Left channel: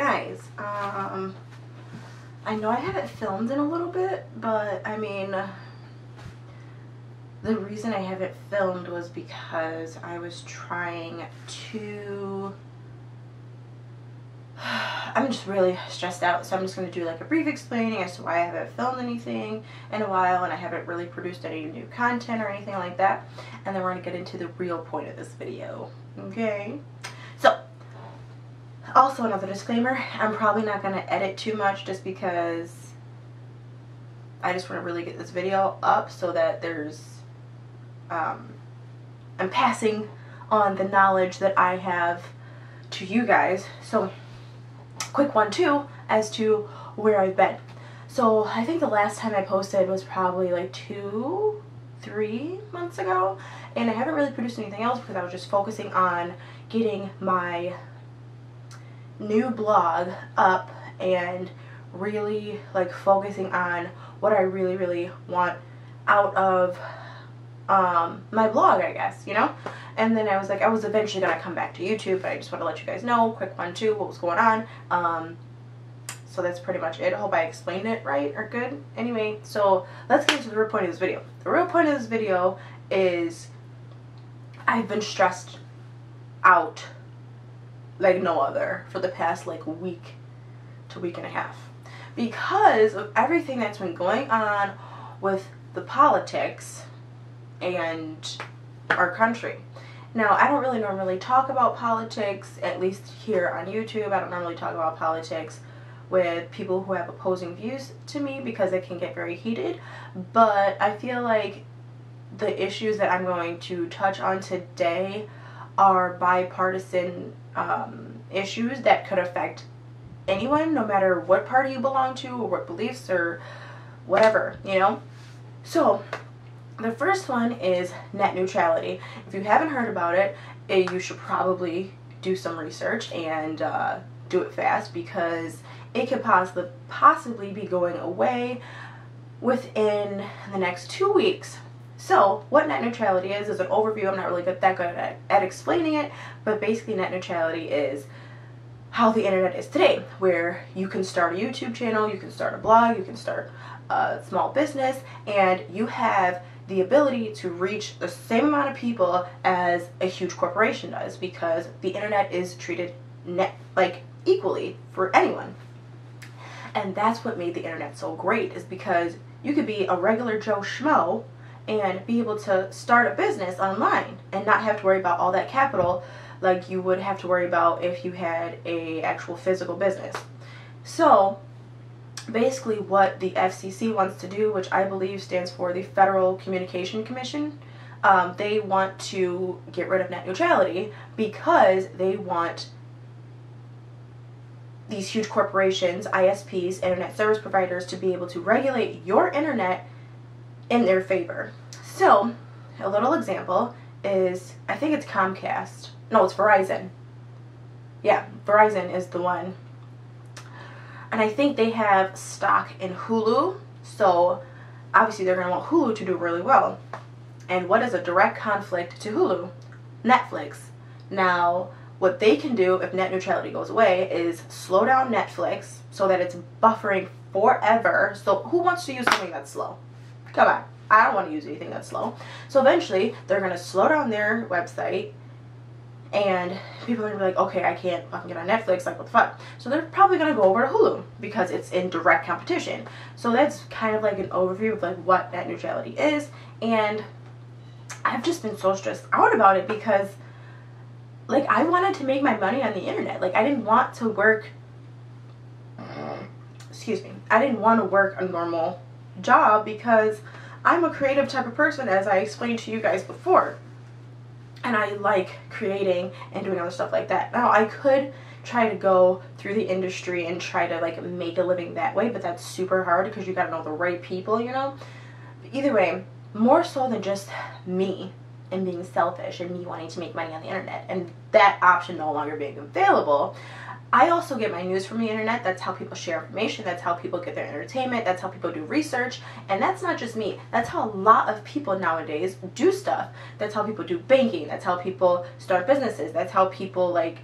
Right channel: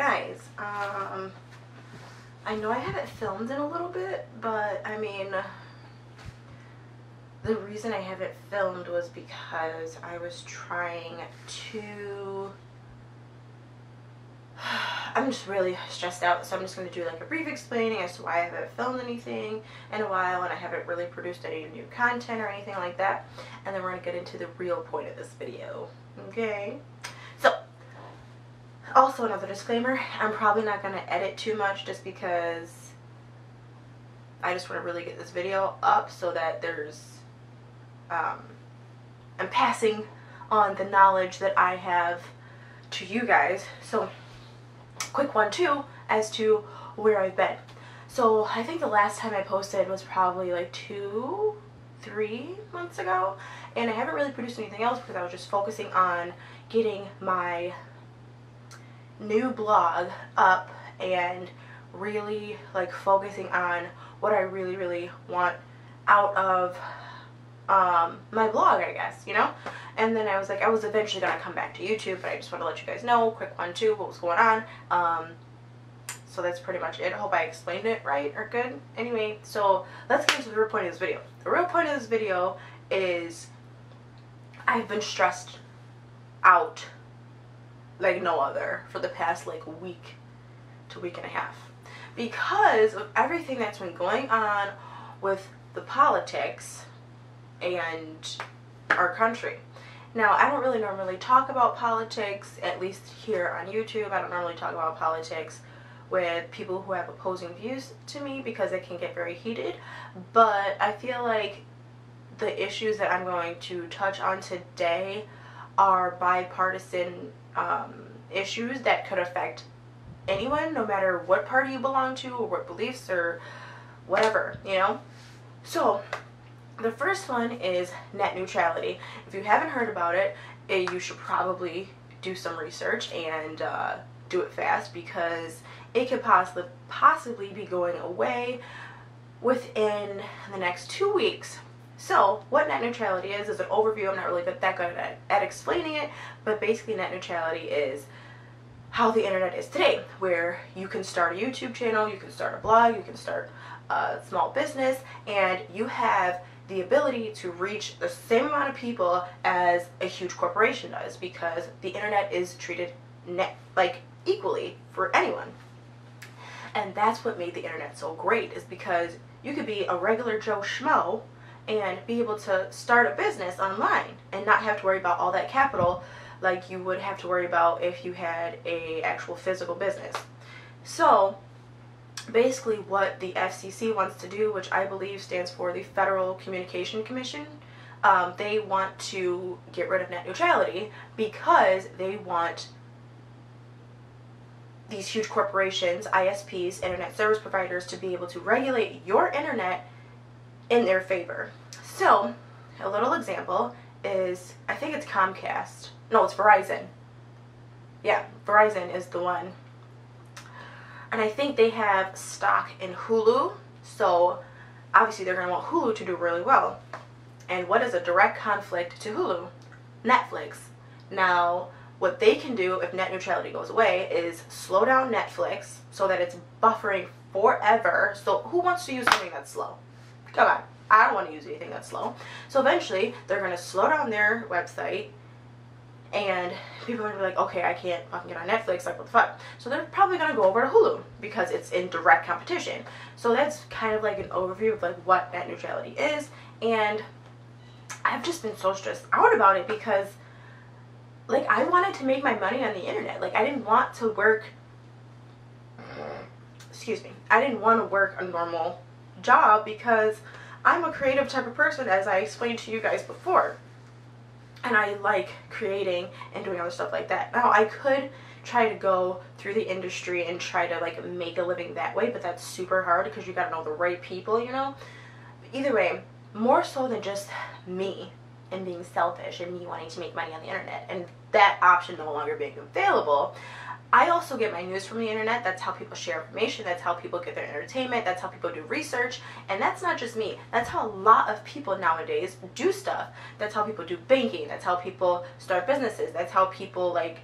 Guys, I know I haven't filmed in a little bit, but I mean, the reason I haven't filmed was because I was trying to, I'm just really stressed out, so I'm just going to do like a brief explaining as to why I haven't filmed anything in a while, and I haven't really produced any new content or anything like that, and then we're going to get into the real point of this video, okay? So, also another disclaimer, I'm probably not going to edit too much just because I just want to really get this video up so that there's, I'm passing on the knowledge that I have to you guys. So, quick one too, as to where I've been. So, I think the last time I posted was probably like 2-3 months ago, and I haven't really produced anything else because I was just focusing on getting my new blog up and really like focusing on what I really want out of my blog, I guess, you know. And then I was like, I was eventually gonna come back to YouTube, but I just want to let you guys know, quick one too, what was going on. So that's pretty much it. I hope I explained it right or good. Anyway, so let's get into the real point of this video. The real point of this video is I've been stressed out like no other for the past like week to week and a half because of everything that's been going on with the politics and our country. Now, I don't really normally talk about politics, at least here on YouTube. I don't normally talk about politics with people who have opposing views to me because it can get very heated, but I feel like the issues that I'm going to touch on today are bipartisan issues that could affect anyone, no matter what party you belong to or what beliefs or whatever, you know? So, the first one is net neutrality. If you haven't heard about it, you should probably do some research and do it fast because it could possibly be going away within the next 2 weeks. So, what net neutrality is an overview. I'm not really that good at explaining it, but basically net neutrality is how the internet is today, where you can start a YouTube channel, you can start a blog, you can start a small business, and you have the ability to reach the same amount of people as a huge corporation does because the internet is treated equally for anyone. And that's what made the internet so great, is because you could be a regular Joe Schmo and be able to start a business online and not have to worry about all that capital like you would have to worry about if you had a actual physical business. So basically what the FCC wants to do, which I believe stands for the Federal Communication Commission, they want to get rid of net neutrality because they want these huge corporations, ISPs, internet service providers, to be able to regulate your internet in their favor. So, a little example is, I think it's Comcast. No, it's Verizon. Yeah, Verizon is the one. And I think they have stock in Hulu, so obviously they're going to want Hulu to do really well. And what is a direct conflict to Hulu? Netflix. Now, what they can do if net neutrality goes away is slow down Netflix so that it's buffering forever. So who wants to use something that's slow? Come on. I don't want to use anything that's slow. So eventually, they're going to slow down their website, and people are going to be like, okay, I can't fucking get on Netflix, like, what the fuck? So they're probably going to go over to Hulu, because it's in direct competition. So that's kind of like an overview of, like, what net neutrality is, and I've just been so stressed out about it, because, like, I wanted to make my money on the internet. Like, I didn't want to work, I didn't want to work a normal job, because I'm a creative type of person, as I explained to you guys before. And I like creating and doing other stuff like that. Now, I could try to go through the industry and try to, like, make a living that way, but that's super hard because you gotta know the right people, you know? But either way, more so than just me and being selfish and me wanting to make money on the internet and that option no longer being available, I also get my news from the internet. That's how people share information. That's how people get their entertainment. That's how people do research. And that's not just me. That's how a lot of people nowadays do stuff. That's how people do banking. That's how people start businesses. That's how people, like,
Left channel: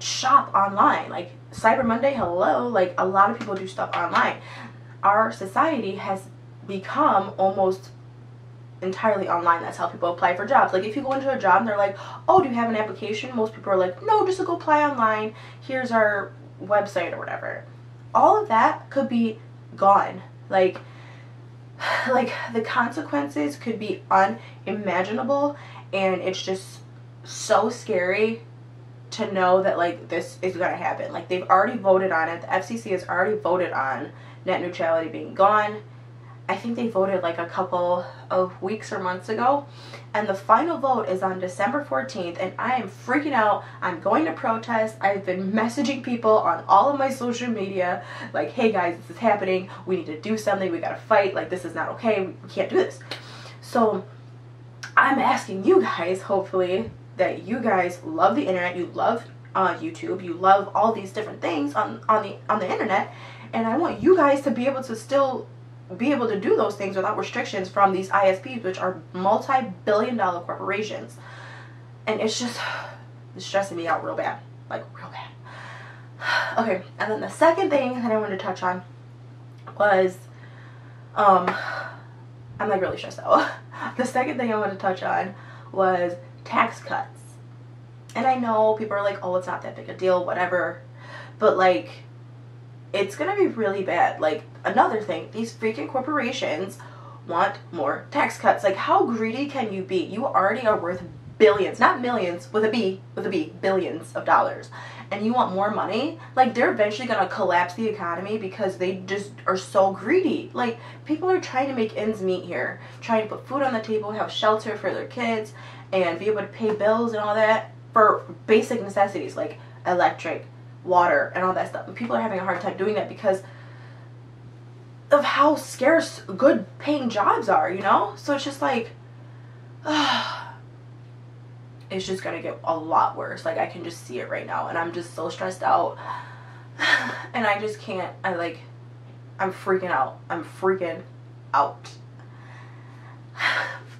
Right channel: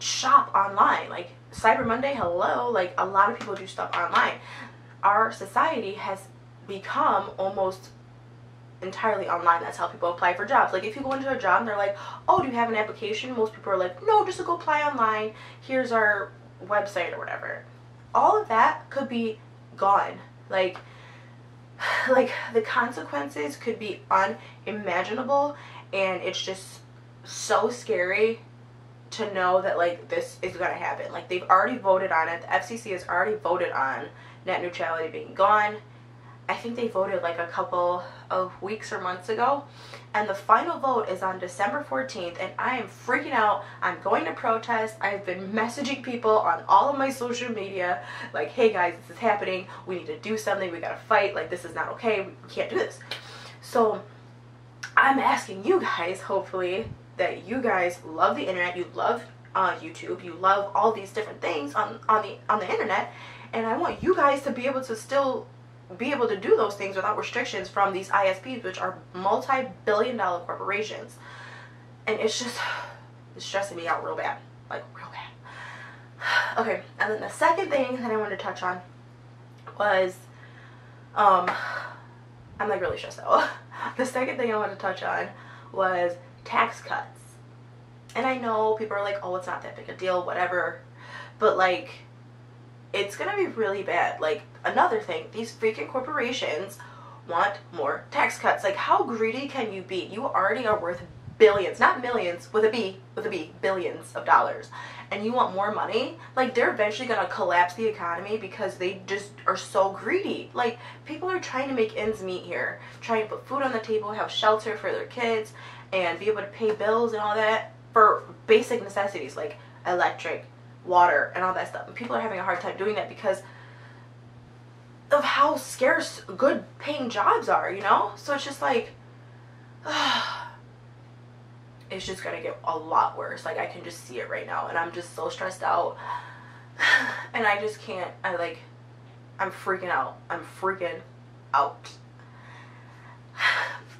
shop online. Like Cyber Monday, hello, like a lot of people do stuff online. Our society has become almost entirely online. That's how people apply for jobs. Like if you go into a job and they're like, oh, do you have an application? Most people are like, no, just go apply online. Here's our website or whatever. All of that could be gone. Like the consequences could be unimaginable, and it's just so scary to know that like this is gonna happen. Like they've already voted on it. The FCC has already voted on net neutrality being gone. I think they voted like a couple of weeks or months ago, and the final vote is on December 14th, and I am freaking out. I'm going to protest. I've been messaging people on all of my social media like, hey guys, this is happening, we need to do something, we gotta fight, like this is not okay, we can't do this. So I'm asking you guys, hopefully, that you guys love the internet, you love YouTube, you love all these different things on the internet, and I want you guys to be able to still be able to do those things without restrictions from these ISPs, which are multi-billion-dollar corporations. And it's stressing me out real bad, like real bad. Okay, and then the second thing that I wanted to touch on was, I'm like really stressed out. The second thing I wanted to touch on was tax cuts. And I know people are like, oh, it's not that big a deal, whatever, but like, it's gonna be really bad. Like, another thing, these freaking corporations want more tax cuts. Like, how greedy can you be? You already are worth billions, not millions, with a B, billions of dollars, and you want more money? Like, they're eventually gonna collapse the economy because they just are so greedy. Like, people are trying to make ends meet here, trying to put food on the table, have shelter for their kids, and be able to pay bills and all that for basic necessities like electric, water, and all that stuff. And people are having a hard time doing that because of how scarce good paying jobs are, you know? So it's just like, it's just gonna get a lot worse. Like, I can just see it right now, and I'm just so stressed out, and I just can't. I'm freaking out. I'm freaking out.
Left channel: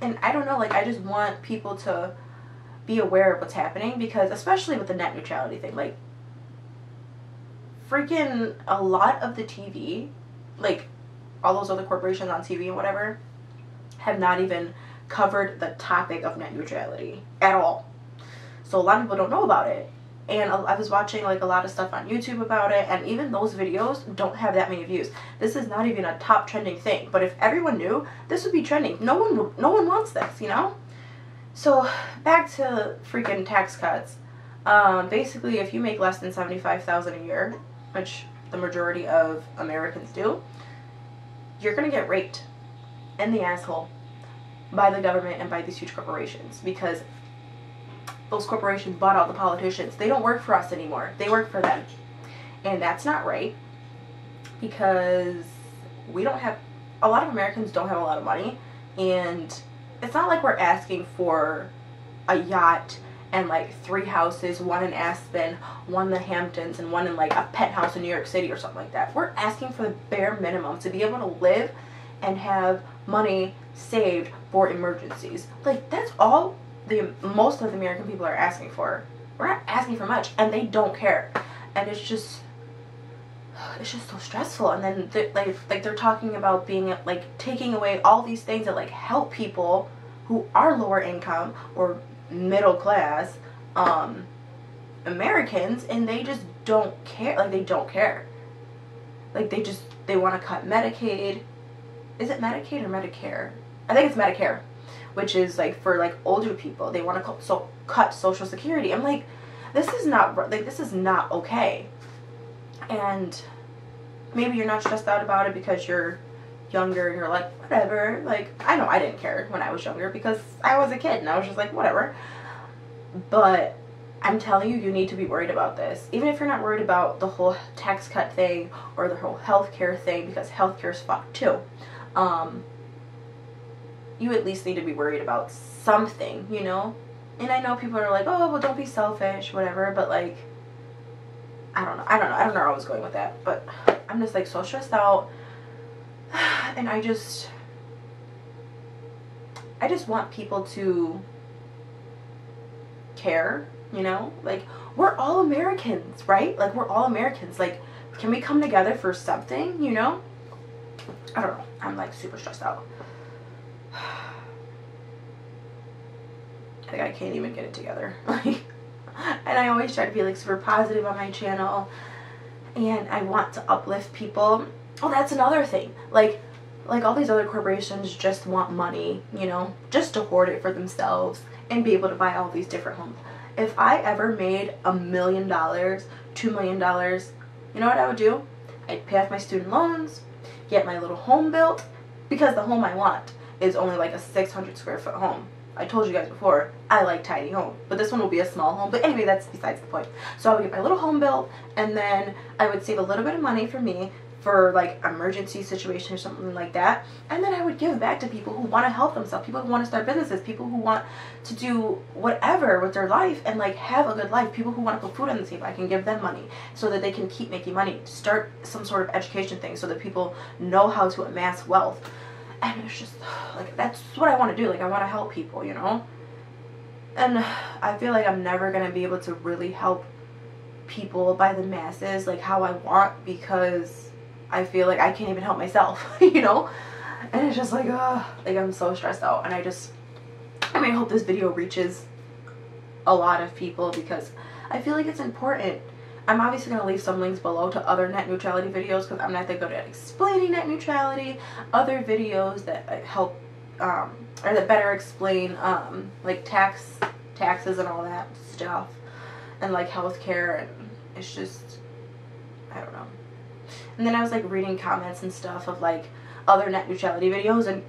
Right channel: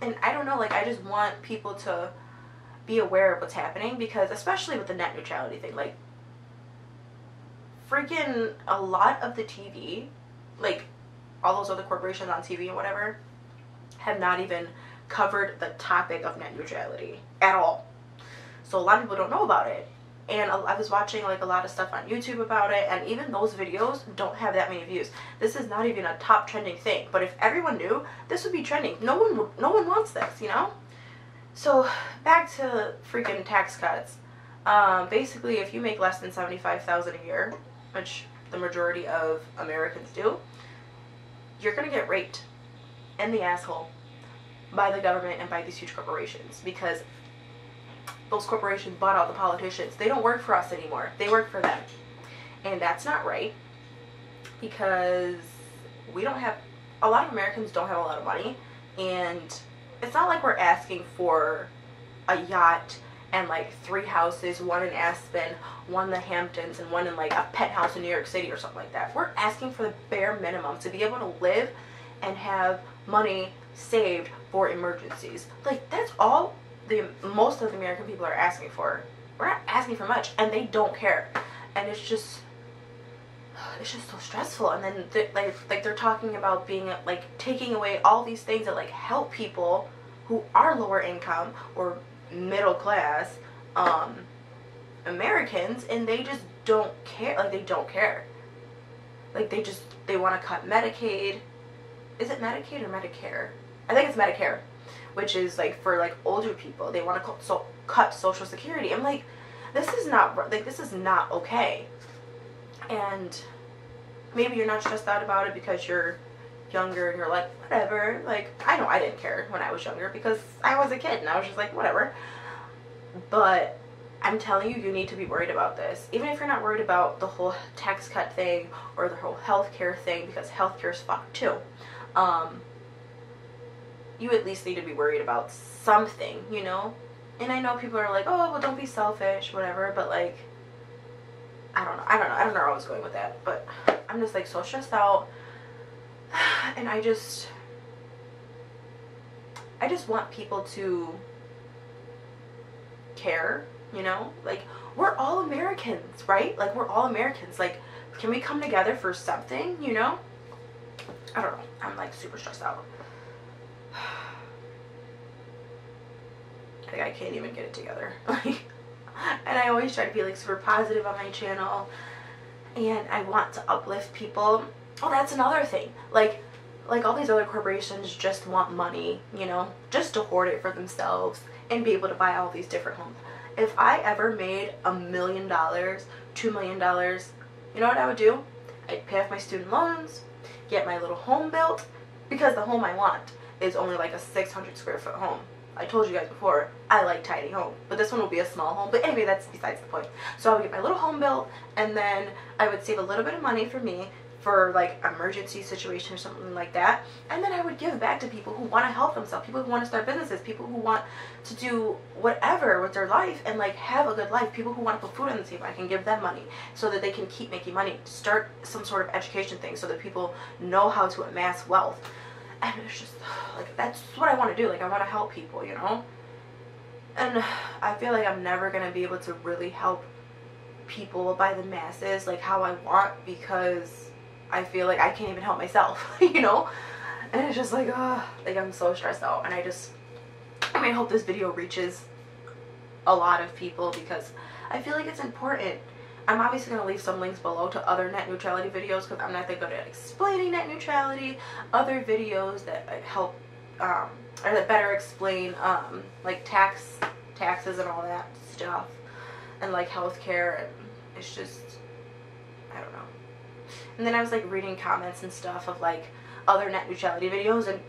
And I don't know, like, I just want people to be aware of what's happening, because especially with the net neutrality thing, like, freaking a lot of the TV, like all those other corporations on TV and whatever, have not even covered the topic of net neutrality at all. So a lot of people don't know about it. And I was watching like a lot of stuff on YouTube about it, and even those videos don't have that many views. This is not even a top trending thing, but if everyone knew, this would be trending. No one wants this, you know? So back to freaking tax cuts. Basically, if you make less than $75,000 a year, which the majority of Americans do, you're gonna get raped in the asshole by the government and by these huge corporations, because those corporations bought out the politicians. They don't work for us anymore. They work for them. And that's not right, because we don't have, a lot of Americans don't have a lot of money, and it's not like we're asking for a yacht and like 3 houses, one in Aspen, one in the Hamptons, and one in like a penthouse in New York City or something like that. We're asking for the bare minimum to be able to live and have money saved for emergencies. Like, that's all most of the American people are asking for. We're not asking for much, and they don't care. And it's just so stressful. And then they're talking about being like taking away all these things that like help people who are lower income or middle class Americans, and they just don't care. Like, they don't care. Like, they want to cut Medicaid. Is it Medicaid or Medicare? I think it's Medicare, which is like for like older people. They want to cut Social Security. I'm like, this is not okay. And maybe you're not stressed out about it because you're younger and you're like, whatever. Like, I know I didn't care when I was younger because I was a kid and I was just like, whatever. But I'm telling you, you need to be worried about this. Even if you're not worried about the whole tax cut thing or the whole healthcare thing, because healthcare's fucked too. You at least need to be worried about something, you know? And I know people are like, oh, well, don't be selfish, whatever, but like, I don't know where I was going with that, but I'm just like so stressed out, and I just want people to care you know? Like, we're all Americans, right? Like, we're all Americans. Like, can we come together for something, you know? I don't know. I'm, like, super stressed out. Like, I can't even get it together. Like, and I always try to be, like, super positive on my channel. And I want to uplift people. Oh, that's another thing. Like all these other corporations just want money, you know, just to hoard it for themselves and be able to buy all these different homes. If I ever made $1 million, $2 million, you know what I would do? I'd pay off my student loans, get my little home built, because the home I want is only like a 600 square foot home. I told you guys before, I like tiny homes, but this one will be a small home. But anyway, that's besides the point. So I would get my little home built, and then I would save a little bit of money for me, for like emergency situation or something like that, and then I would give back to people who want to help themselves, people who want to start businesses, people who want to do whatever with their life and like have a good life, people who want to put food on the table. I can give them money so that they can keep making money, start some sort of education thing so that people know how to amass wealth. And it's just like, that's what I want to do. Like, I want to help people, you know, and I feel like I'm never gonna be able to really help people by the masses like how I want, because I feel like I can't even help myself, you know? And it's just like, I'm so stressed out. And I hope this video reaches a lot of people, because I feel like it's important. I'm obviously going to leave some links below to other net neutrality videos, because I'm not that good at explaining net neutrality. Other videos that help, or that better explain, like taxes and all that stuff. And like healthcare, and it's just, I don't know. And then I was like reading comments and stuff of like other net neutrality videos, and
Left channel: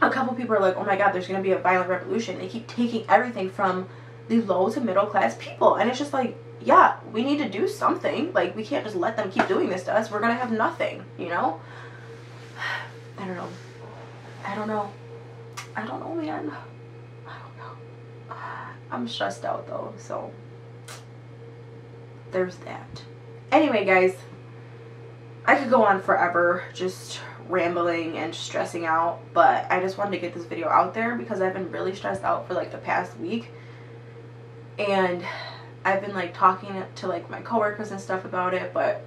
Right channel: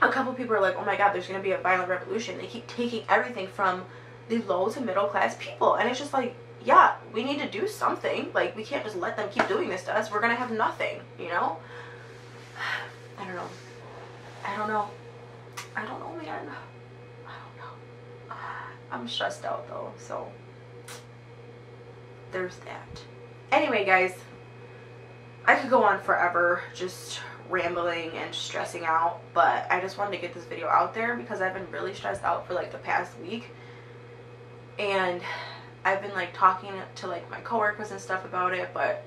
a couple people are like, oh my god, there's going to be a violent revolution. They keep taking everything from the low to middle class people, and it's just like, yeah, we need to do something. Like, we can't just let them keep doing this to us. We're going to have nothing, you know? I don't know, man. I don't know. I'm stressed out though, so there's that. Anyway, guys, I could go on forever just rambling and stressing out, but I just wanted to get this video out there because I've been really stressed out for like the past week, and I've been like talking to like my coworkers and stuff about it, but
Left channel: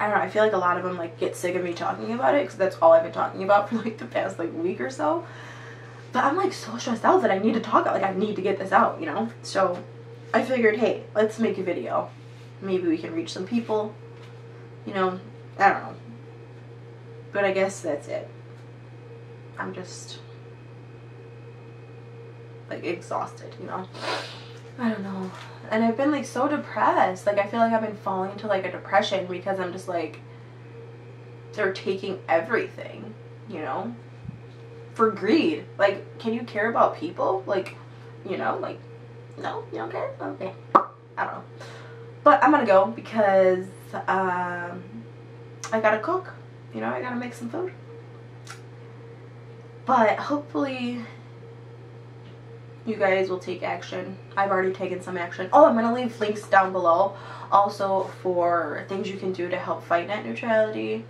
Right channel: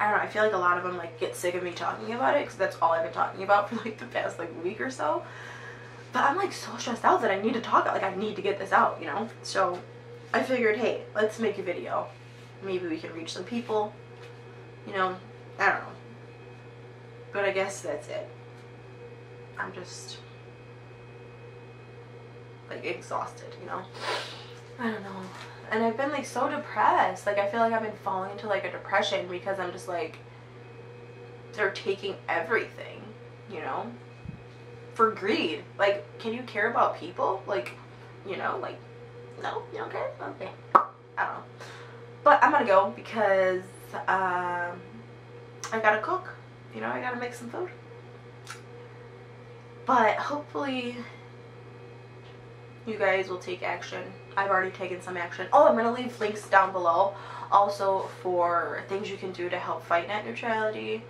I don't know, I feel like a lot of them like get sick of me talking about it, because that's all I've been talking about for like the past like week or so. But I'm like so stressed out that I need to talk, like I need to get this out, you know? So I figured, hey, let's make a video. Maybe we can reach some people. You know, I don't know. But I guess that's it. I'm just like exhausted, you know? I don't know. And I've been like so depressed. Like, I feel like I've been falling into like a depression because I'm just like, they're taking everything, you know? For greed. Like, can you care about people? Like, you know, like, no, you don't care? Okay. I don't know. But I'm gonna go because I gotta cook, you know, I gotta make some food. But hopefully you guys will take action. I've already taken some action. Oh, I'm gonna leave links down below also for things you can do to help fight net neutrality.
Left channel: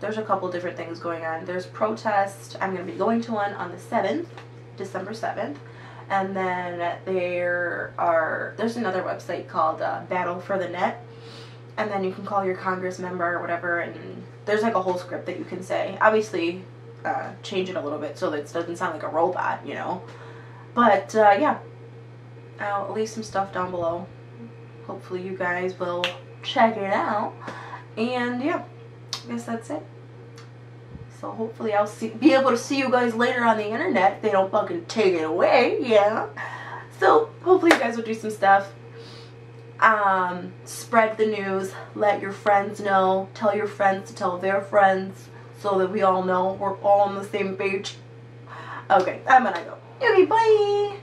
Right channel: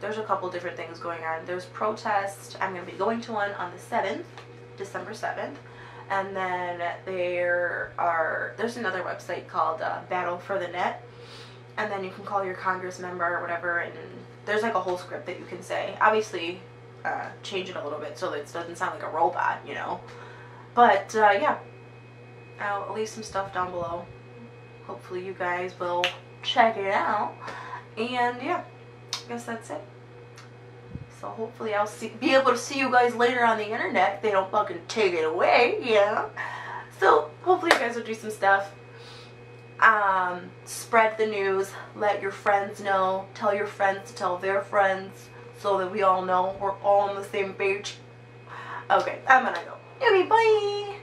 There's a couple different things going on. There's protests. I'm gonna be going to one on the 7th, December 7th. And then there's another website called Battle for the Net, and then you can call your Congress member or whatever, and there's like a whole script that you can say. Obviously, change it a little bit so that it doesn't sound like a robot, you know. But yeah, I'll leave some stuff down below. Hopefully you guys will check it out, and yeah, I guess that's it. So hopefully I'll be able to see you guys later on the internet if they don't fucking take it away, yeah. So hopefully you guys will do some stuff. Spread the news. Let your friends know. Tell your friends to tell their friends so that we all know we're all on the same page. Okay, I'm gonna go. Okay, bye.